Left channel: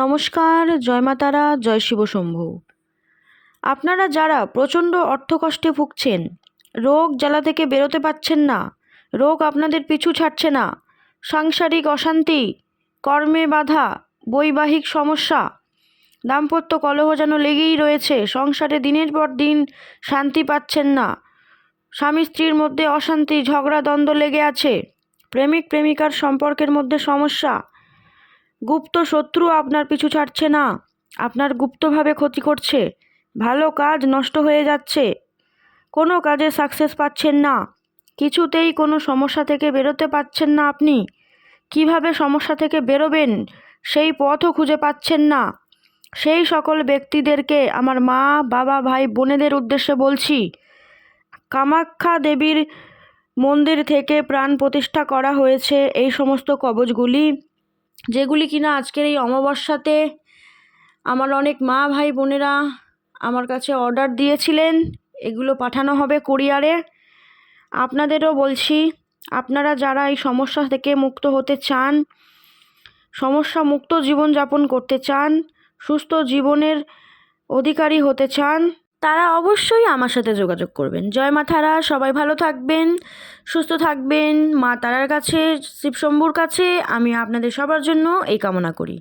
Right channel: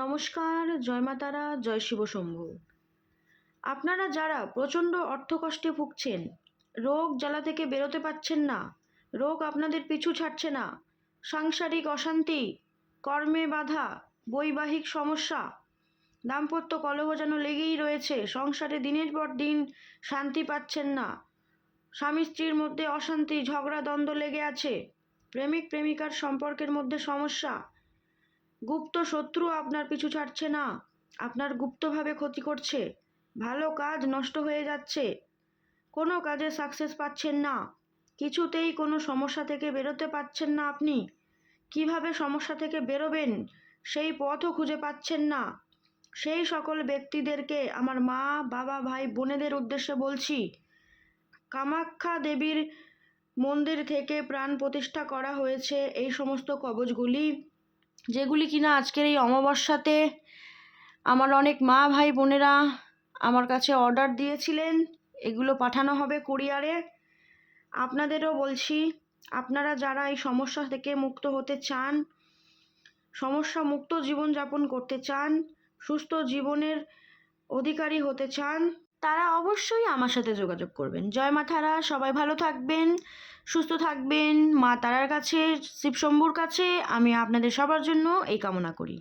নমস্কার, জয় মা তারা, জয় শিব শম্ভু। আপনারা যারা প্রচণ্ড অর্থকষ্টে ভুগছেন, রোগ জ্বালা থেকে বেরোতে পারছেন না, রোগ আপনাদের পিছু ছাড়ছে না, সাংসারিক অশান্তি, কর্মে বাধা, বৈবাহিক সমস্যা, দাম্পত্য কলহ যেন লেগেই রয়েছে, সংসারে দিনের পর দিন শান্তি পাচ্ছেন না, স্বামী স্ত্রীর মধ্যে অশান্তি, ঝগড়া দ্বন্দ্ব লেগে আছে, প্রেমিক প্রেমিকার সম্পর্কের মধ্যে সমস্যা, গুপ্ত শত্রু আপনার পিছু ছাড়ছে না, আপনার গুপ্তভাবে ক্ষতি করছে, ভালো কাজ নষ্ট হয়ে যাচ্ছে, কোনো কাজে সাকসেস পাচ্ছেন না, কিছুতেই কোনো সমস্যা থেকে বেরোতে পারছেন না। আপনি কিভাবে সমস্যা থেকে বেরোবেন সেই পথও খুঁজে পাচ্ছেন না। সেই সকল ব্যক্তিদেরকে আমার মা, বাবা, ভাই, বোনেদের উদ্দেশ্যে বলছি, কামাখ্যা দেবীর মন্দির থেকে প্রাণ প্রতিষ্ঠা করা হয়েছে এই সমস্ত কবচগুলি, যেগুলি কিনা আজকের এই অমাবস্যাতে আমার অনেক মা, ভাই, বোনেরা আমার কাছে অর্ডার দিয়েছিলেন। এগুলো পাঠানো হবে কুরিয়ারে। আপনাদেরও বলছি, আপনারা যারা এই সমস্যা থেকে মুক্ত হতে চান, সমস্যা মুক্ত জীবনযাপন করতে চান, সুস্থ জীবনের অধিকারী হতে চান, তারা অবশ্যই আমার সাথে যোগাযোগ করবেন। জয় মা তারা, সবাই ভালো থাকবেন, সুস্থ থাকবেন। মা তারার কাছে, শিবশম্ভুর কাছে আমি আপনাদের সবার জন্য এই কামনা করি।